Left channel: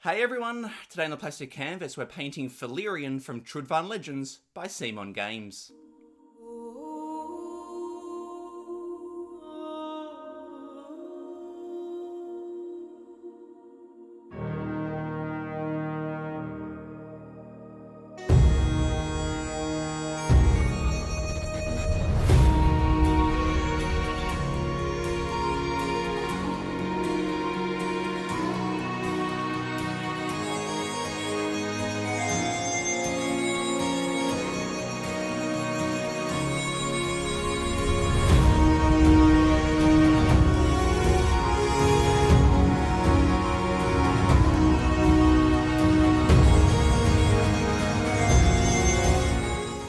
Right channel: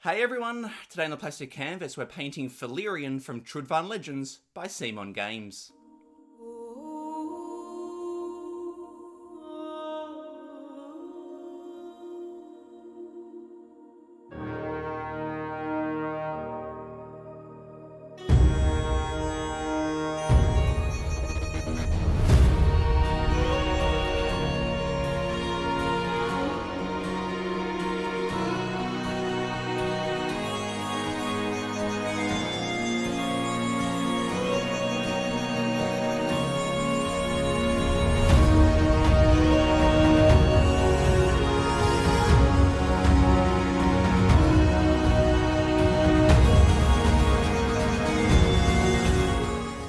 Hey everyone! Today on the plastic canvas we're painting Felerion from Trudvang Legends by Simon Games.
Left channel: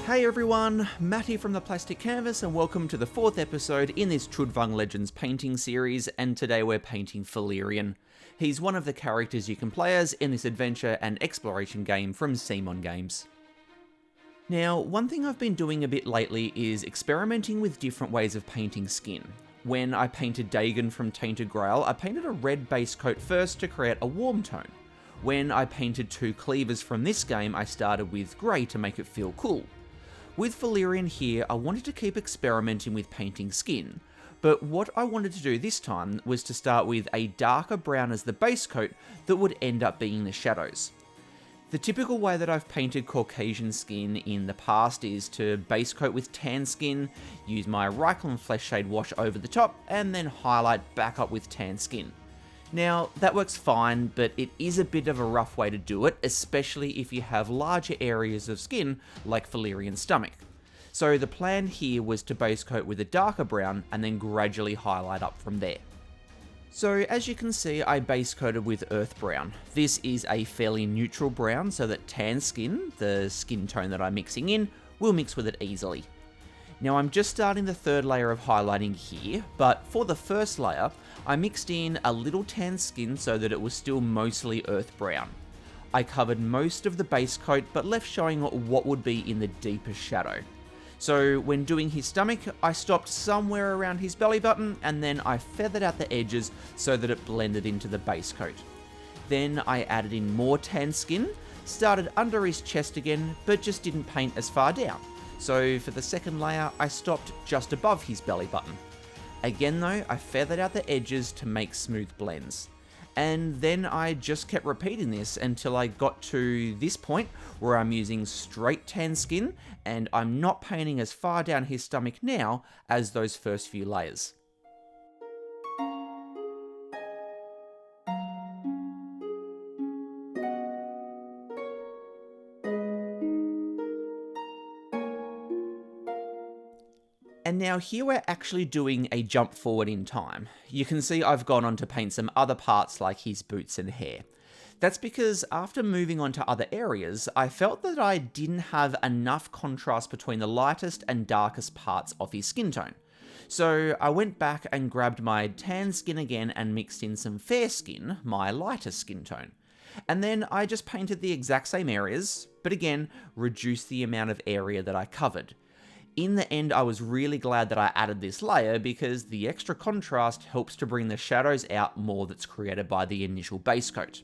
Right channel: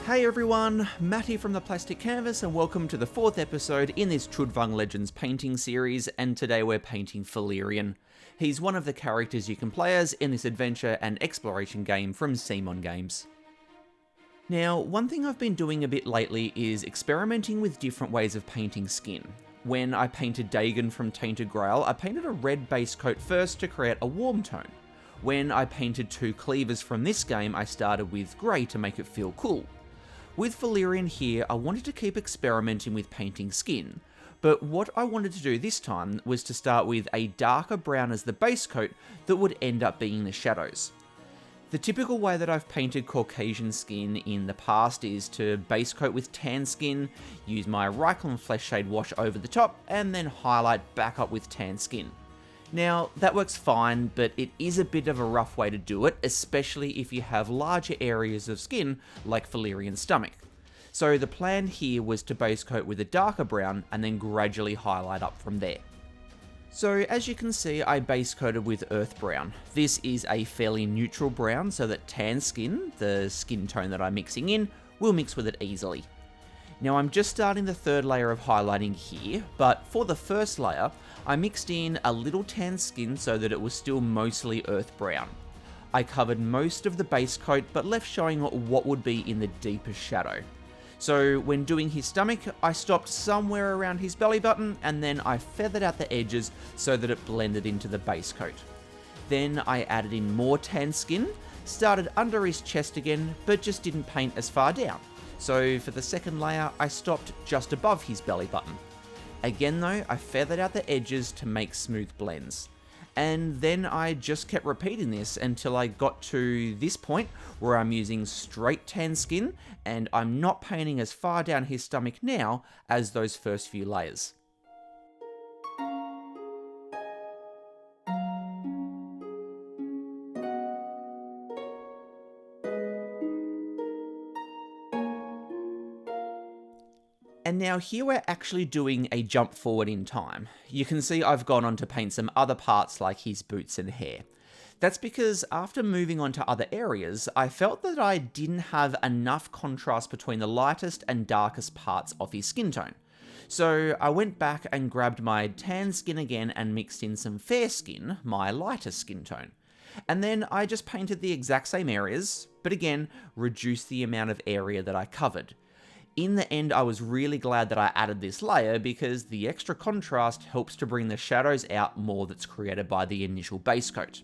Hey everyone, Matty from the Plastic Canvas and welcome to the fourth episode in this Trudvang Legends painting series, and today we're painting Felerion. He's one of the characters you can play as in this adventure and exploration game from Simon Games. Now, one thing I've been doing a bit lately is experimenting with different ways of painting skin. When I painted Dagon from Tainted Grail, I painted a red base coat first to create a warm tone. When I painted two cleavers from this game, I started with grey to make it feel cool. With Felerion here, I wanted to keep experimenting with painting skin, but what I wanted to do this time was to start with a darker brown as the base coat that would end up being the shadows. The typical way that I've painted Caucasian skin in the past is to base coat with tan skin, use my Awaken flesh shade wash over the top, and then highlight back up with tan skin. Now, that works fine, but it is a bit of a rough way to do it, especially if you have larger areas of skin, like Felerion's stomach. So the plan here was to base coat with a darker brown, and then gradually highlight up from there. So as you can see, I base coated with earth brown. This is a fairly neutral brown, so that tan skin, the skin tone that I'm mixing in, will mix with it easily. Now I'm just starting the third layer of highlighting here, but for the first layer, I mixed in a little tan skin so that it was still mostly earth brown. I covered most of the base coat, but left showing what would be in the deepest shadow. So when doing his stomach, I stopped somewhere around his belly button, and then I feathered out the edges so that it blended into the base coat. Then I added in more tan skin, started under his chest again, but just didn't paint as far down. So for the second layer, I stopped just above his belly button. Again though, I feathered out the edges to make smooth blends. And then I just kept repeating this until I got to this point where I'm using straight tan skin and I'm not painting as far down his stomach now as those first few layers. And now here we're actually doing a jump forward in time. You can see I've gone on to paint some other parts like his boots and hair. That's because after moving on to other areas, I felt that I didn't have enough contrast between the lightest and darkest parts of his skin tone. So I went back and grabbed my tan skin again and mixed in some fair skin, my lighter skin tone. And then I just painted the exact same areas, but again, reduced the amount of area that I covered. In the end, I was really glad that I added this layer because the extra contrast helps to bring the shadows out more that's created by the initial base coat.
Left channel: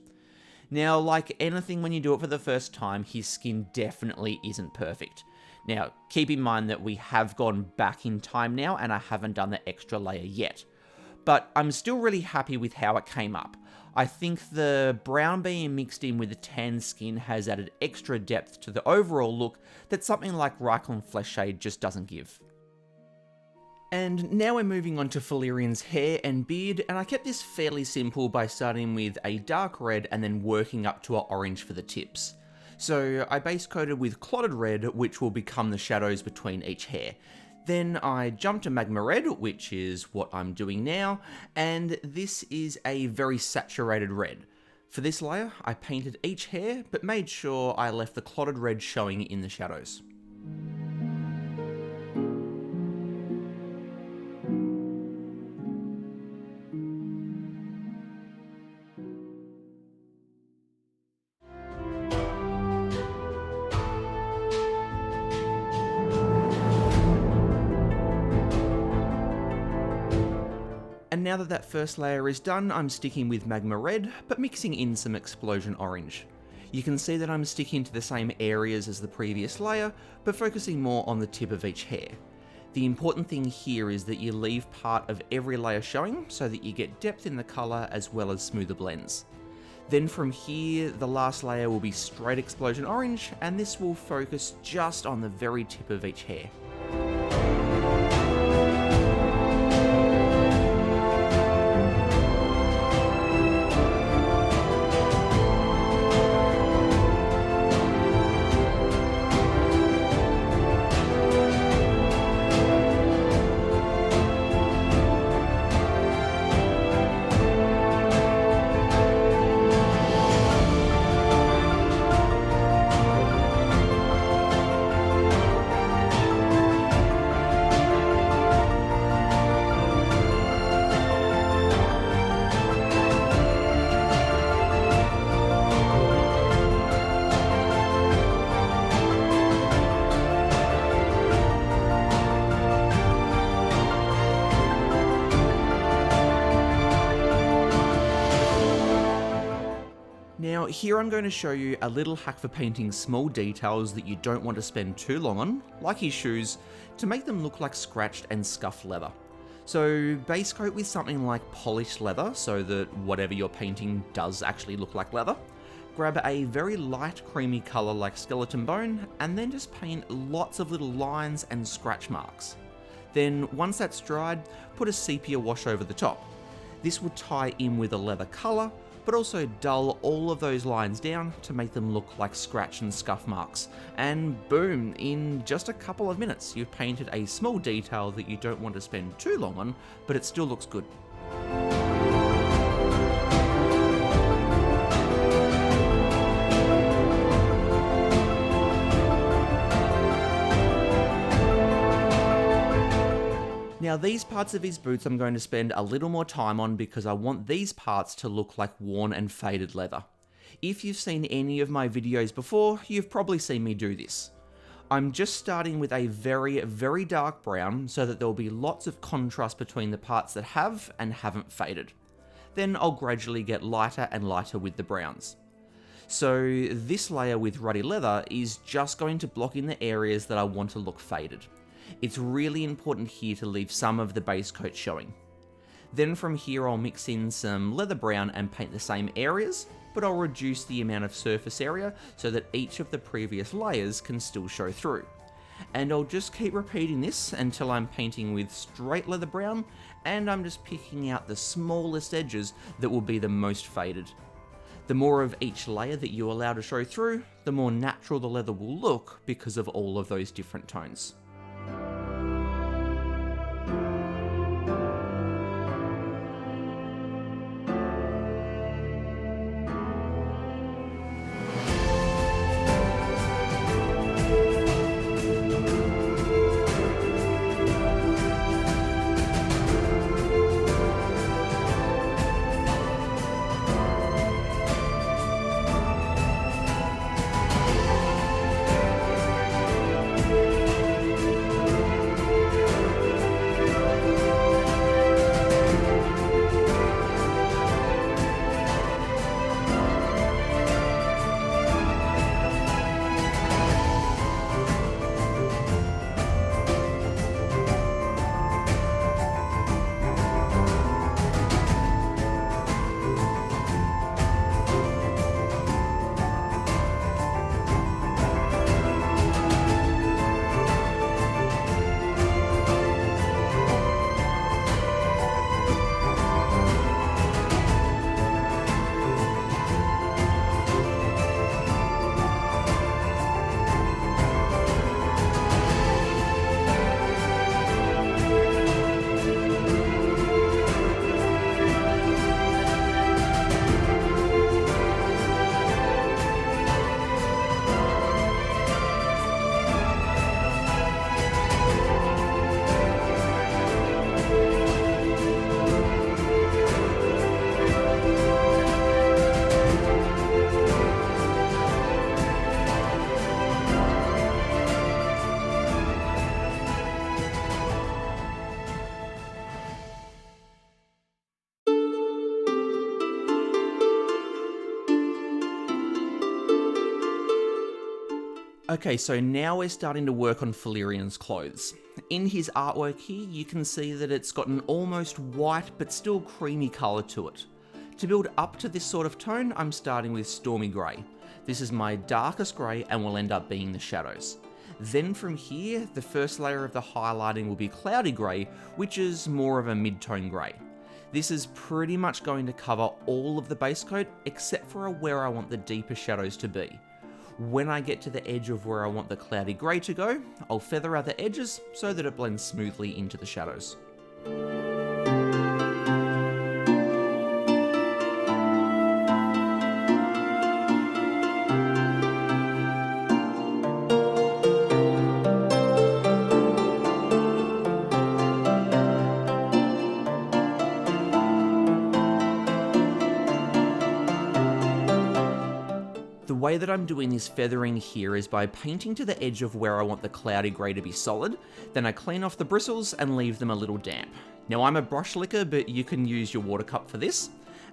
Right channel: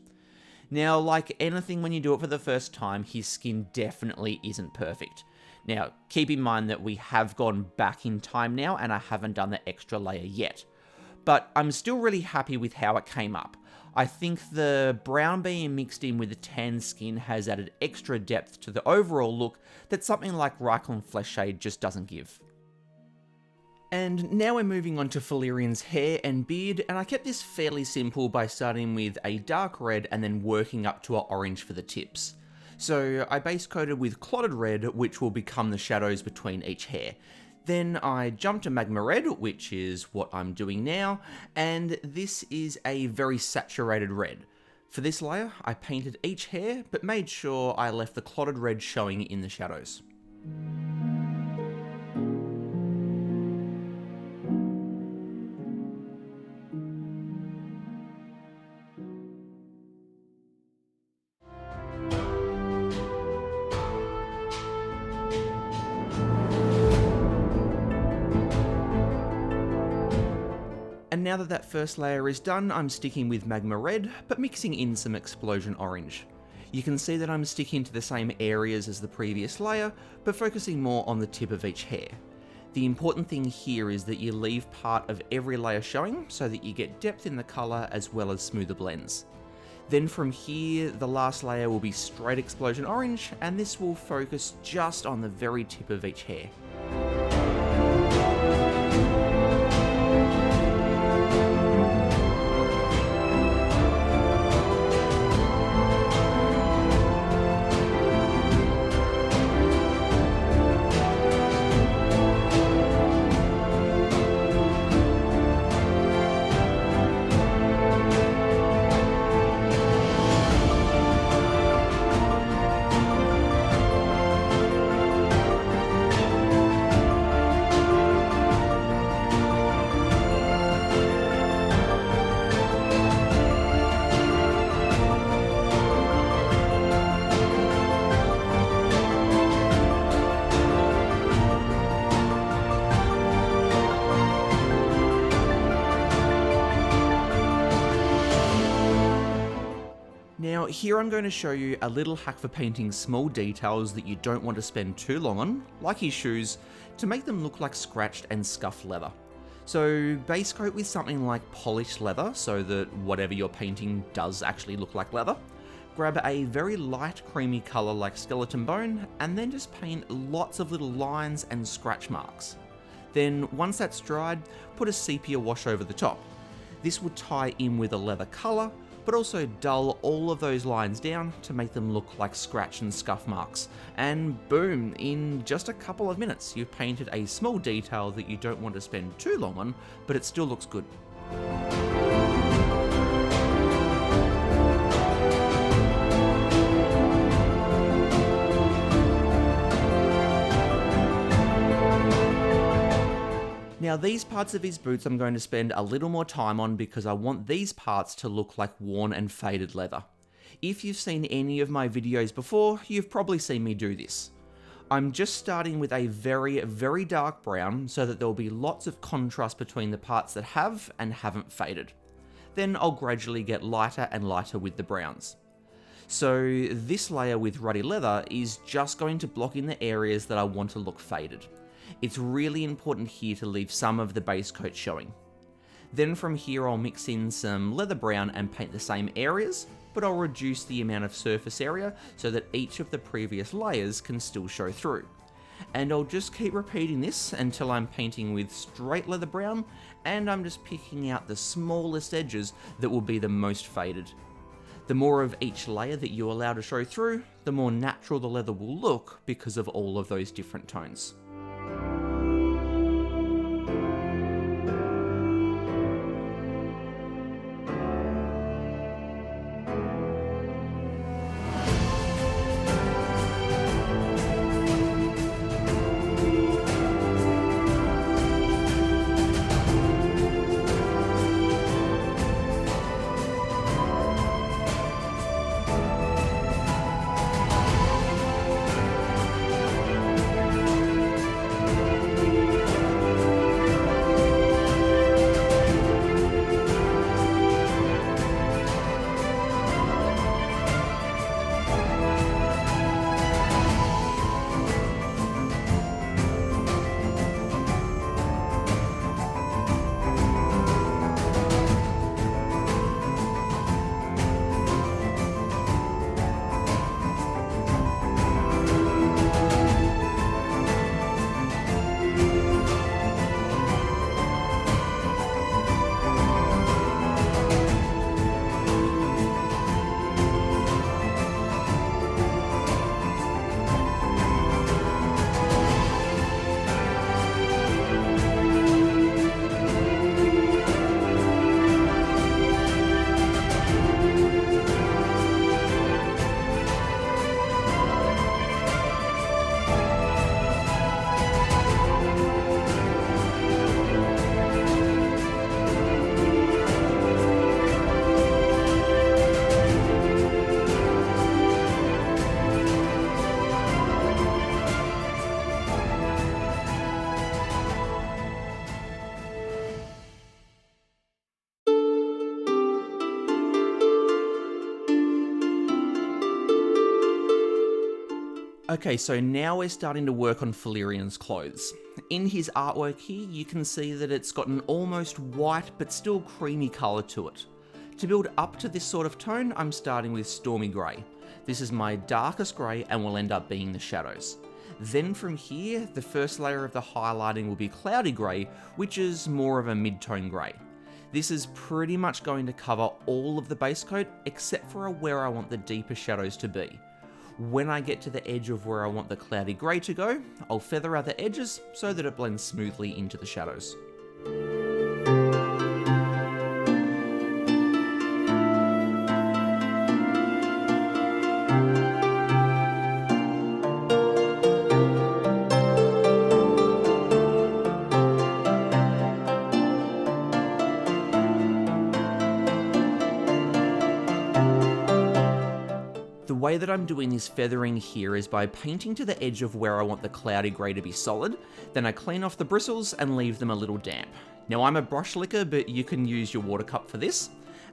Now, like anything when you do it for the first time, his skin definitely isn't perfect. Now, keep in mind that we have gone back in time now and I haven't done the extra layer yet. But I'm still really happy with how it came up. I think the brown being mixed in with the tan skin has added extra depth to the overall look that something like Awaken flesh shade just doesn't give. And now we're moving on to Felerion's hair and beard, and I kept this fairly simple by starting with a dark red and then working up to an orange for the tips. So I base coated with clotted red, which will become the shadows between each hair. Then I jumped to Magma Red, which is what I'm doing now, and this is a very saturated red. For this layer, I painted each hair, but made sure I left the clotted red showing in the shadows. And now that that first layer is done, I'm sticking with Magma Red, but mixing in some Explosion Orange. You can see that I'm sticking to the same areas as the previous layer, but focusing more on the tip of each hair. The important thing here is that you leave part of every layer showing so that you get depth in the colour as well as smoother blends. Then from here, the last layer will be straight Explosion Orange, and this will focus just on the very tip of each hair. Now here I'm going to show you a little hack for painting small details that you don't want to spend too long on, like his shoes, to make them look like scratched and scuffed leather. So base coat with something like polished leather so that whatever you're painting does actually look like leather. Grab a very light creamy colour like skeleton bone and then just paint lots of little lines and scratch marks. Then once that's dried, put a sepia wash over the top. This will tie in with a leather colour, but also dull all of those lines down to make them look like scratch and scuff marks. And boom, in just a couple of minutes, you've painted a small detail that you don't want to spend too long on, but it still looks good. Now these parts of his boots I'm going to spend a little more time on because I want these parts to look like worn and faded leather. If you've seen any of my videos before, you've probably seen me do this. I'm just starting with a very dark brown so that there will be lots of contrast between the parts that have and haven't faded. Then I'll gradually get lighter and lighter with the browns. So this layer with ruddy leather is just going to block in the areas that I want to look faded. It's really important here to leave some of the base coat showing. Then from here I'll mix in some leather brown and paint the same areas, but I'll reduce the amount of surface area so that each of the previous layers can still show through. And I'll just keep repeating this until I'm painting with straight leather brown and I'm just picking out the smallest edges that will be the most faded. The more of each layer that you allow to show through, the more natural the leather will look because of all of those different tones. Okay, so now we're starting to work on Felerion's clothes. In his artwork here, you can see that it's got an almost white but still creamy colour to it. To build up to this sort of tone, I'm starting with Stormy Grey. This is my darkest grey and will end up being the shadows. Then from here, the first layer of the highlighting will be Cloudy Grey, which is more of a mid-tone grey. This is pretty much going to cover all of the base coat except for where I want the deeper shadows to be. When I get to the edge of where I want the cloudy grey to go, I'll feather out the edges so that it blends smoothly into the shadows. The way that I'm doing this feathering here is by painting to the edge of where I want the cloudy grey to be solid, then I clean off the bristles and leave them a little damp. Now I'm a brush licker, but you can use your water cup for this.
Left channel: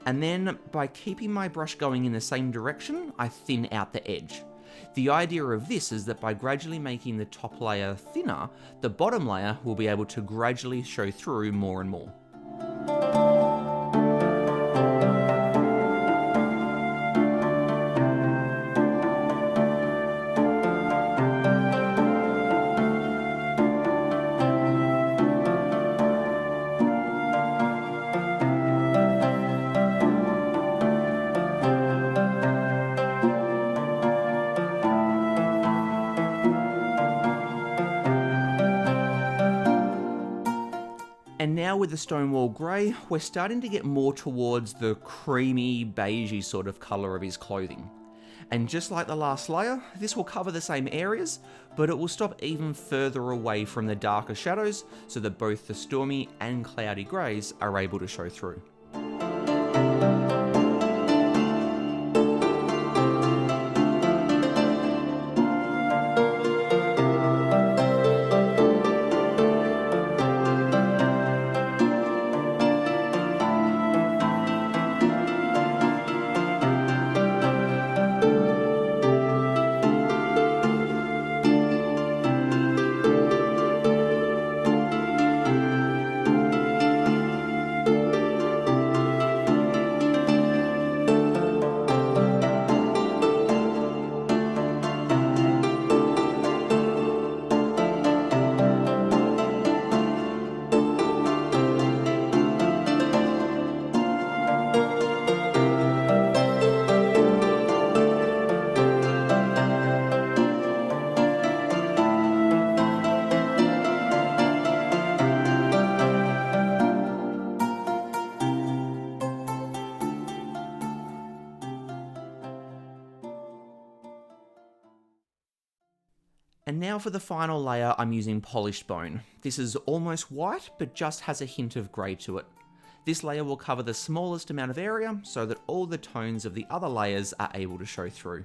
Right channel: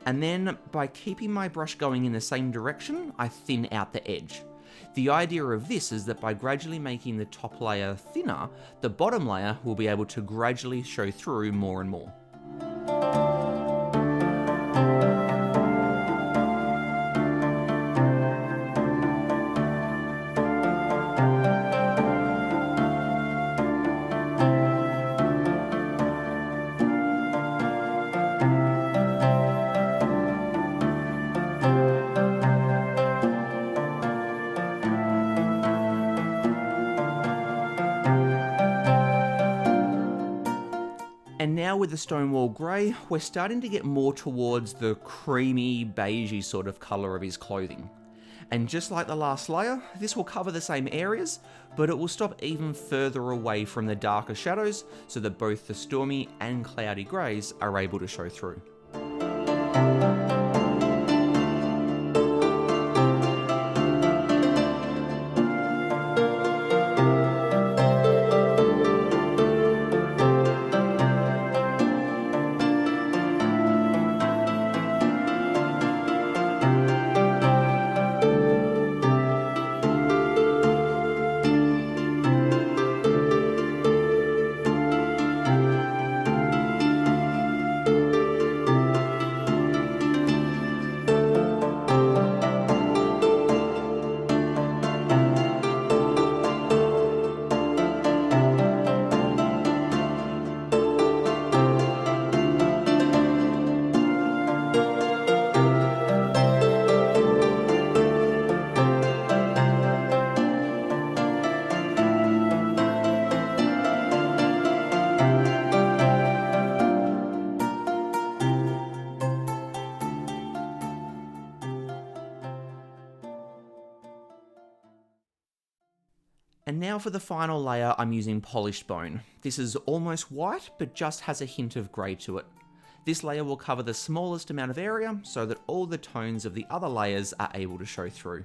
And then by keeping my brush going in the same direction, I thin out the edge. The idea of this is that by gradually making the top layer thinner, the bottom layer will be able to gradually show through more and more. And now with the Stonewall Grey, we're starting to get more towards the creamy, beigey sort of colour of his clothing. And just like the last layer, this will cover the same areas, but it will stop even further away from the darker shadows so that both the stormy and cloudy greys are able to show through. And now for the final layer, I'm using Polished Bone. This is almost white, but just has a hint of grey to it. This layer will cover the smallest amount of area so that all the tones of the other layers are able to show through.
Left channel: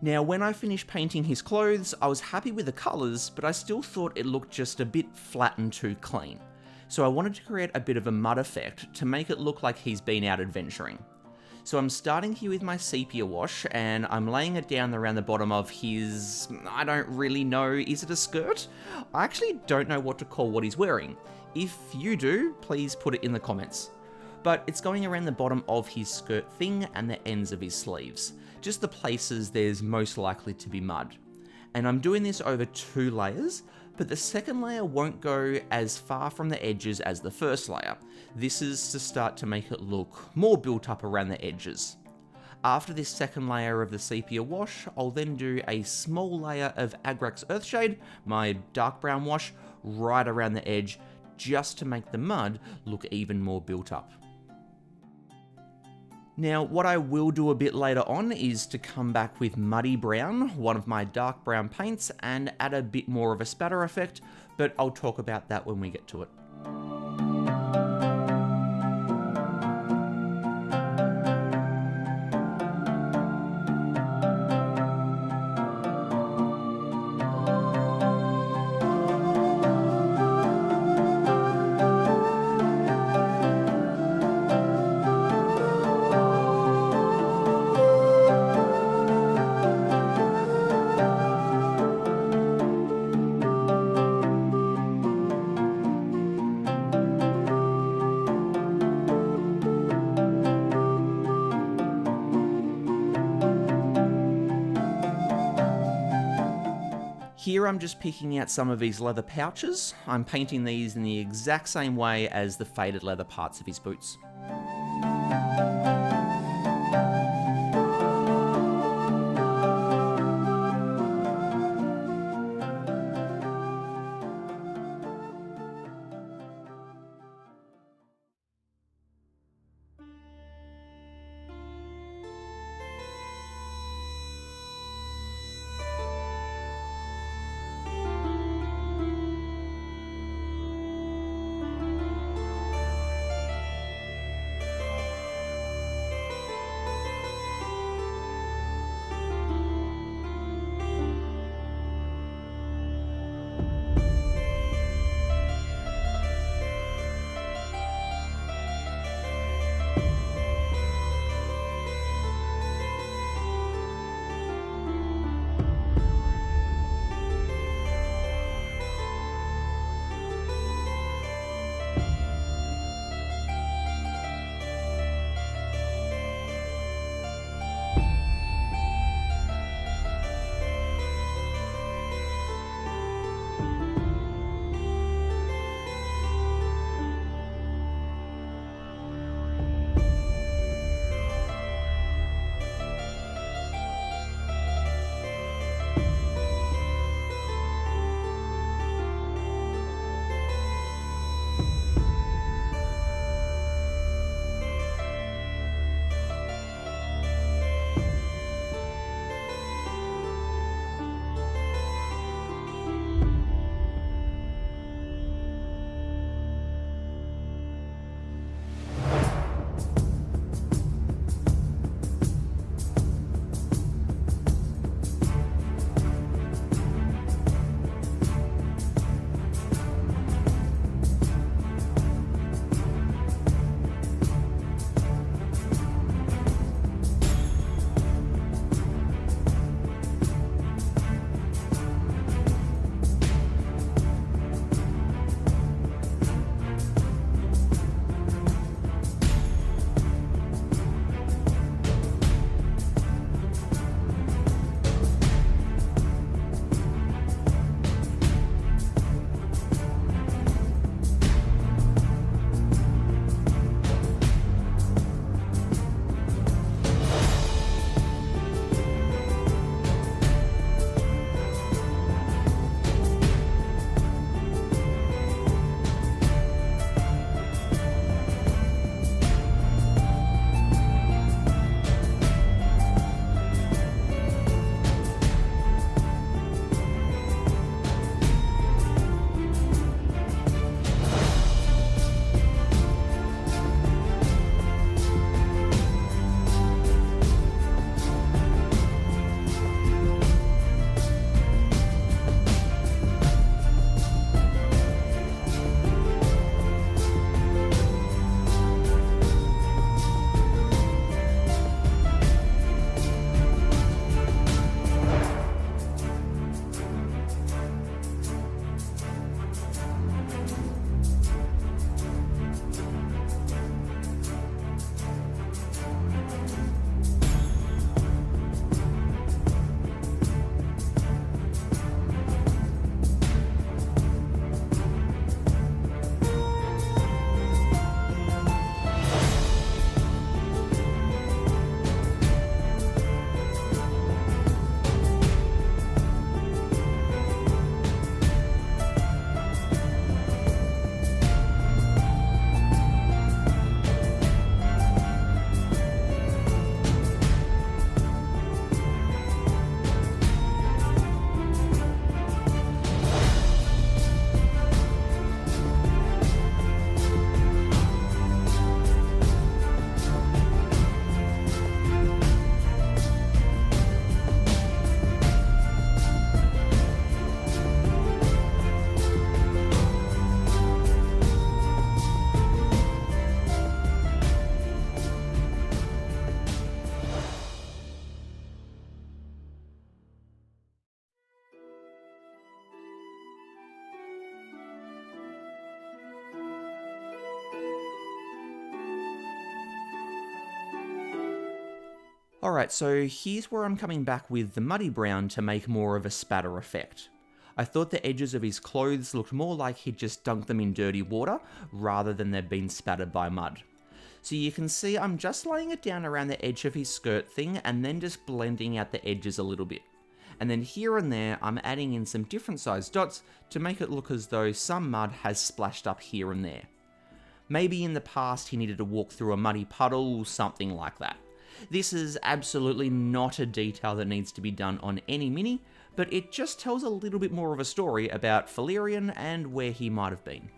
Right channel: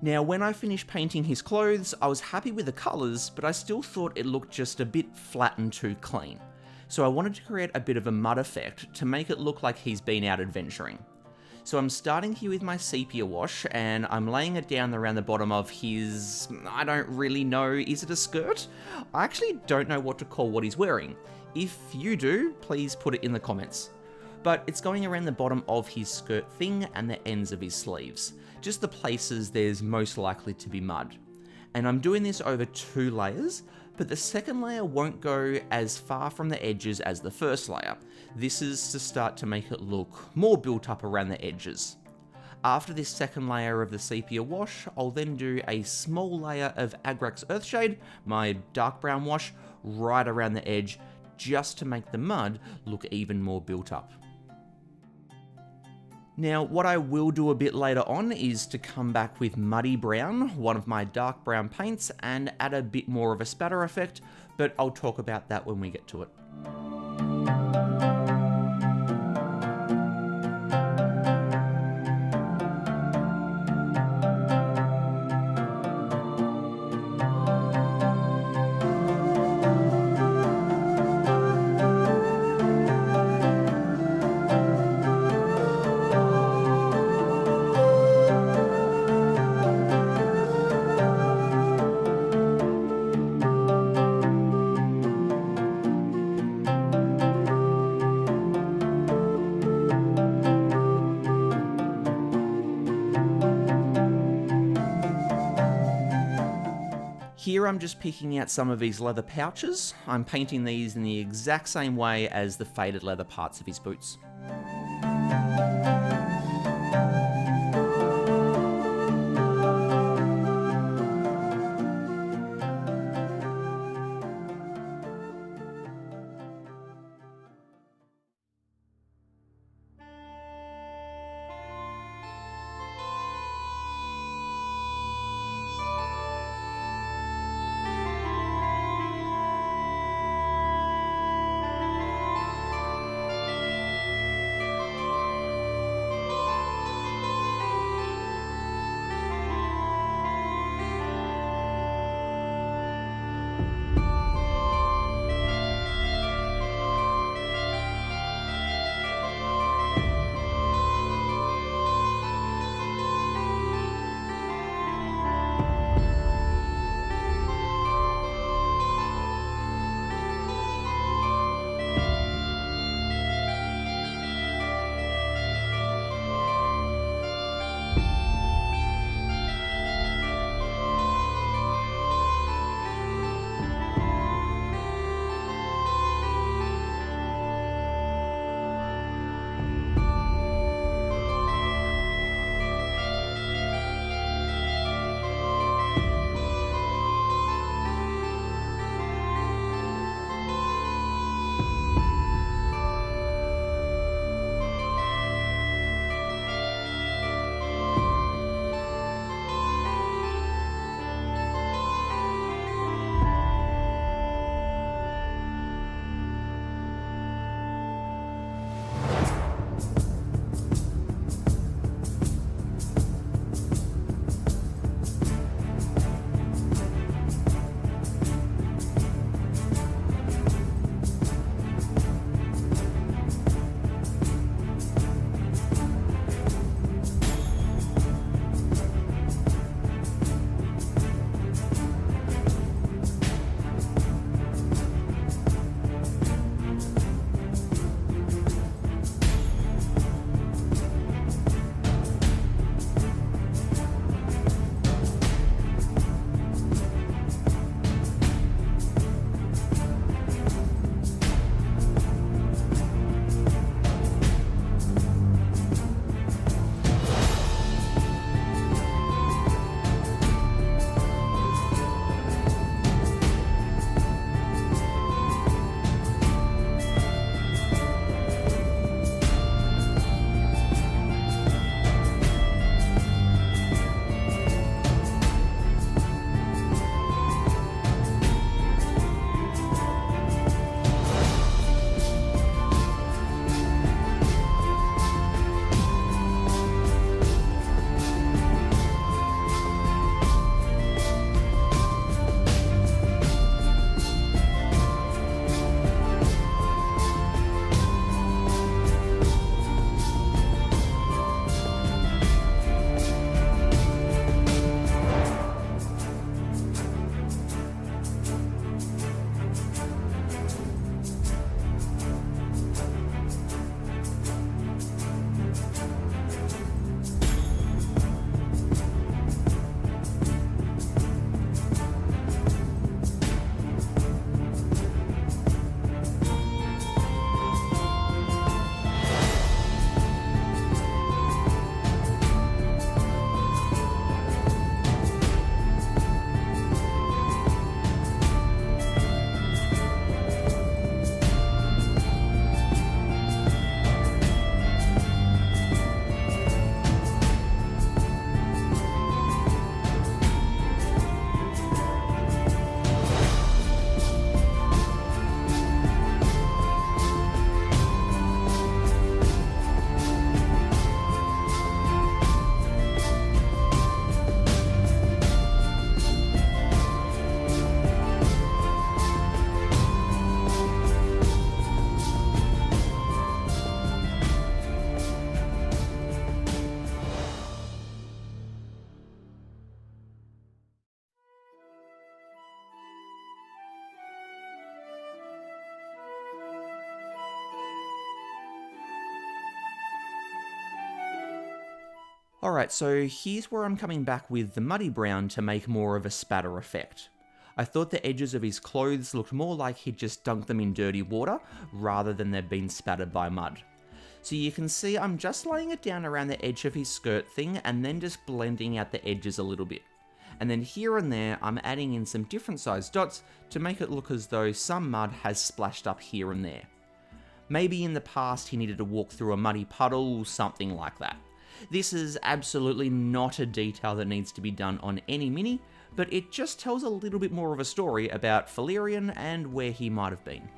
Now, when I finished painting his clothes, I was happy with the colours, but I still thought it looked just a bit flat and too clean. So I wanted to create a bit of a mud effect to make it look like he's been out adventuring. So I'm starting here with my sepia wash, and I'm laying it down around the bottom of his, I don't really know, is it a skirt? I actually don't know what to call what he's wearing. If you do, please put it in the comments. But it's going around the bottom of his skirt thing and the ends of his sleeves, just the places there's most likely to be mud. And I'm doing this over 2 layers, but the second layer won't go as far from the edges as the first layer. This is to start to make it look more built up around the edges. After this second layer of the sepia wash, I'll then do a small layer of Agrax Earthshade, my dark brown wash, right around the edge, just to make the mud look even more built up. Now, what I will do a bit later on is to come back with Muddy Brown, one of my dark brown paints, and add a bit more of a spatter effect, but I'll talk about that when we get to it. Here I'm just picking out some of his leather pouches. I'm painting these in the exact same way as the faded leather parts of his boots. Alright, so here's where I'm coming back with the muddy brown to make more of a spatter effect. I thought the edges of his clothes looked more like he'd just dunked them in dirty water, rather than they'd been spattered by mud. So you can see I'm just laying it down around the edge of his skirt thing and then just blending out the edges a little bit. And then here and there I'm adding in some different sized dots to make it look as though some mud has splashed up here and there. Maybe in the past he needed to walk through a muddy puddle, something like that. This is absolutely not a detail that needs to be done on any mini, but it just tells a little bit more of a story about Felerion and where he might have been.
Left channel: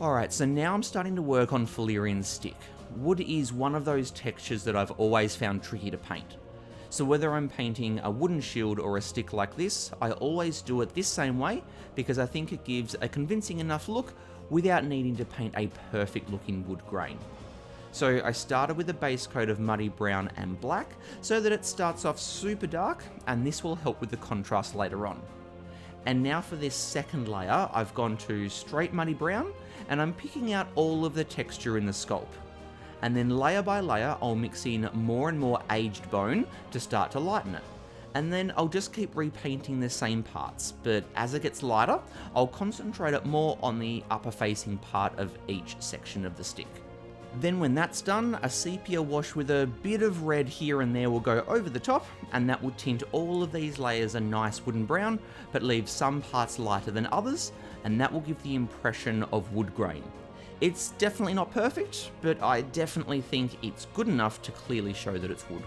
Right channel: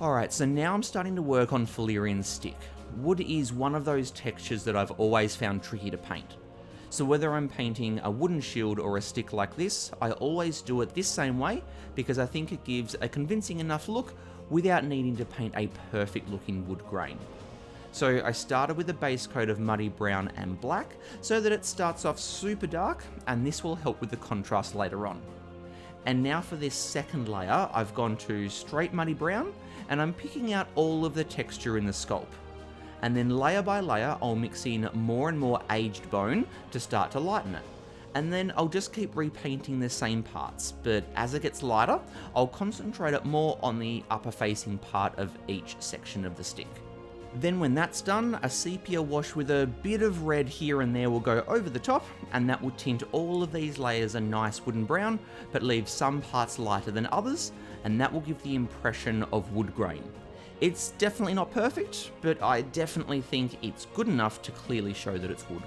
Alright, so now I'm starting to work on Felerion's stick. Wood is one of those textures that I've always found tricky to paint. So whether I'm painting a wooden shield or a stick like this, I always do it this same way because I think it gives a convincing enough look without needing to paint a perfect looking wood grain. So I started with a base coat of muddy brown and black so that it starts off super dark, and this will help with the contrast later on. And now for this second layer, I've gone to straight muddy brown, and I'm picking out all of the texture in the sculpt. And then layer by layer, I'll mix in more and more aged bone to start to lighten it. And then I'll just keep repainting the same parts, but as it gets lighter, I'll concentrate it more on the upper facing part of each section of the stick. Then when that's done, a sepia wash with a bit of red here and there will go over the top, and that will tint all of these layers a nice wooden brown, but leave some parts lighter than others, and that will give the impression of wood grain. It's definitely not perfect, but I definitely think it's good enough to clearly show that it's wood.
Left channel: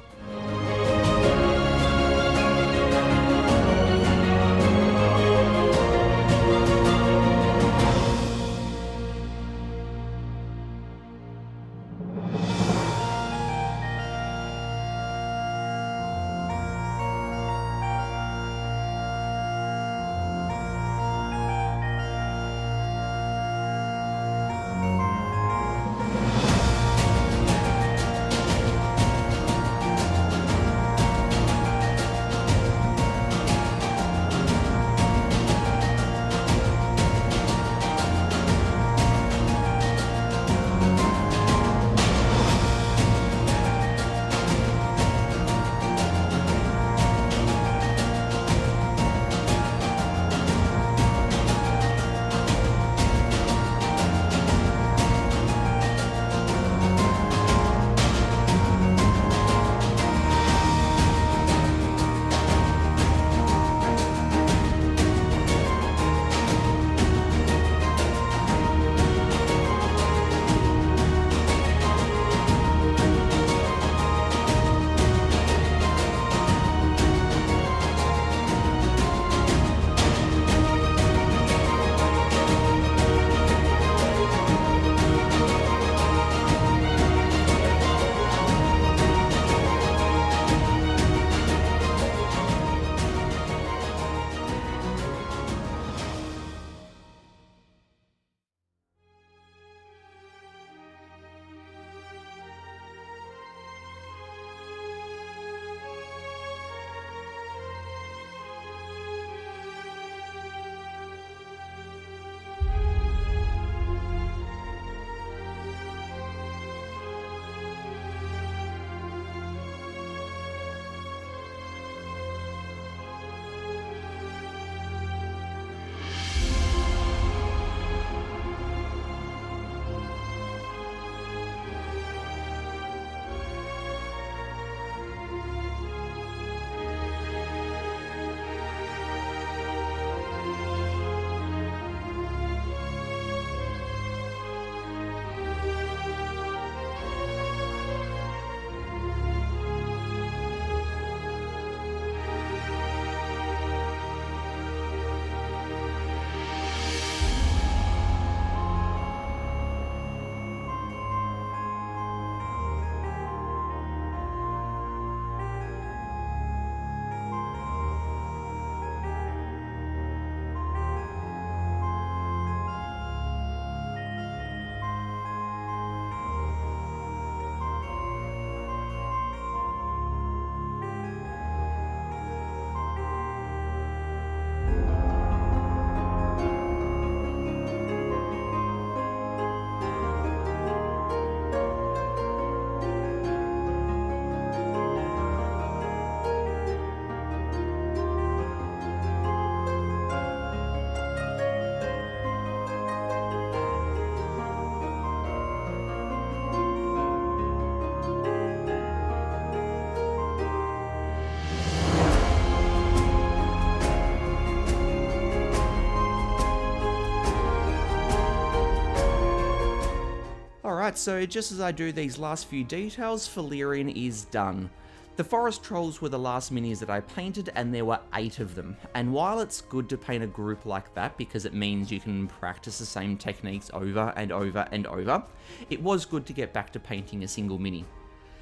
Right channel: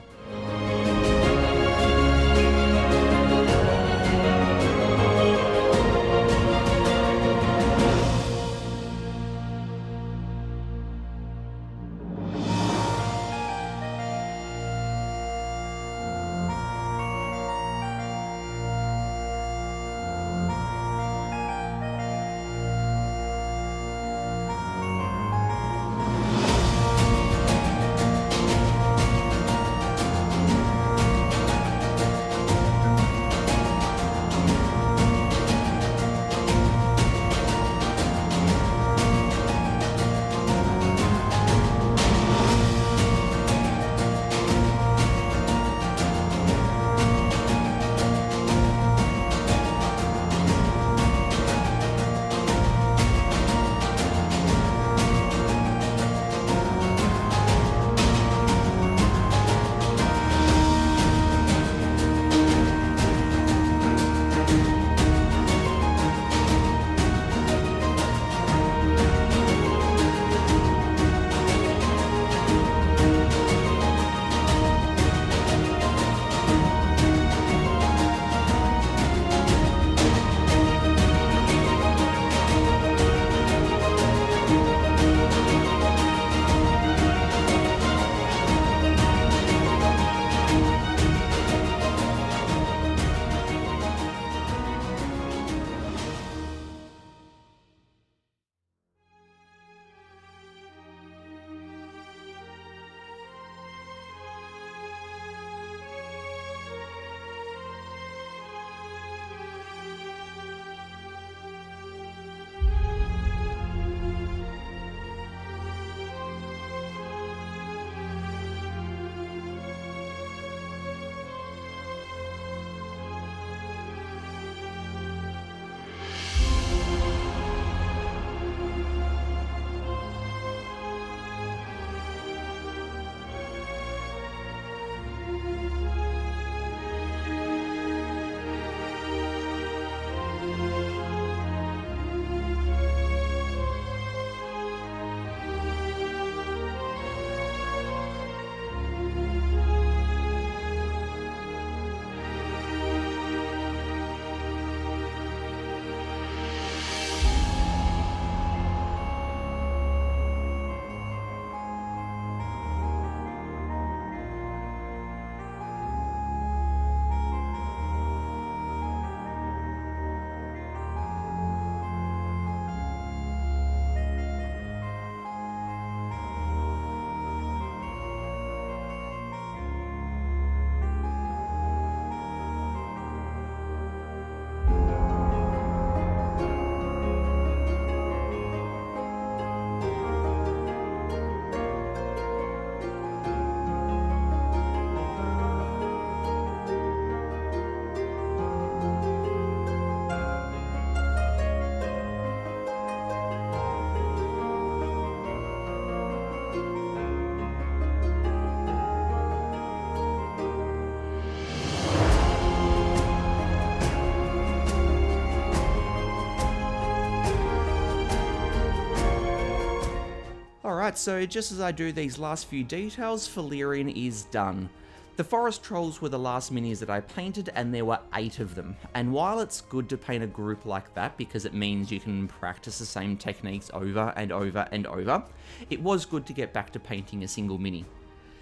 Alright, so just as I do these last few details, Felerion is done. The forest trolls were the last minis that I painted, and there were 8 of them. And while it's good to paint a group like that because it means you can practice the same techniques over and over and over, it was good to get back to painting a single mini.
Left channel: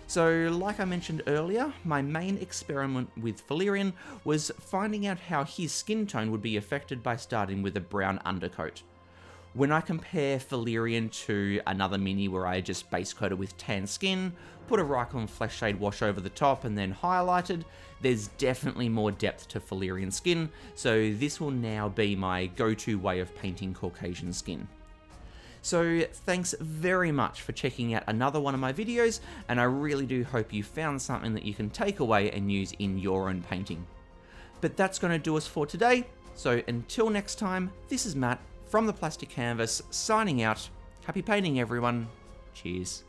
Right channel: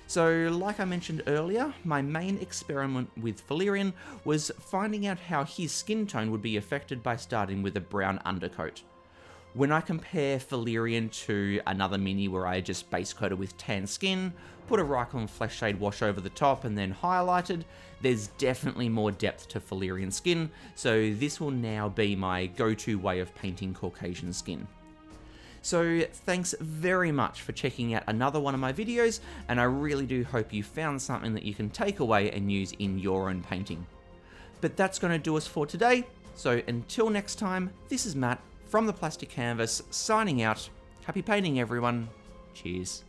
So, like I mentioned earlier, my main experiment with Felerion was finding out how his skin tone would be affected by starting with a brown undercoat. When I compare Felerion to another mini where I just base coated with tan skin, put a Rykon flesh shade wash over the top and then highlighted, there's definitely more depth to Felerion skin, so this will now be my go-to way of painting Caucasian skin. So thanks very much for checking out another one of my videos, and I really do hope you found something that you can take away and use in your own painting. But that's going to do us for today, so until next time, this is Matt from the Plastic Canvas, signing out. Happy painting, everyone. Cheers.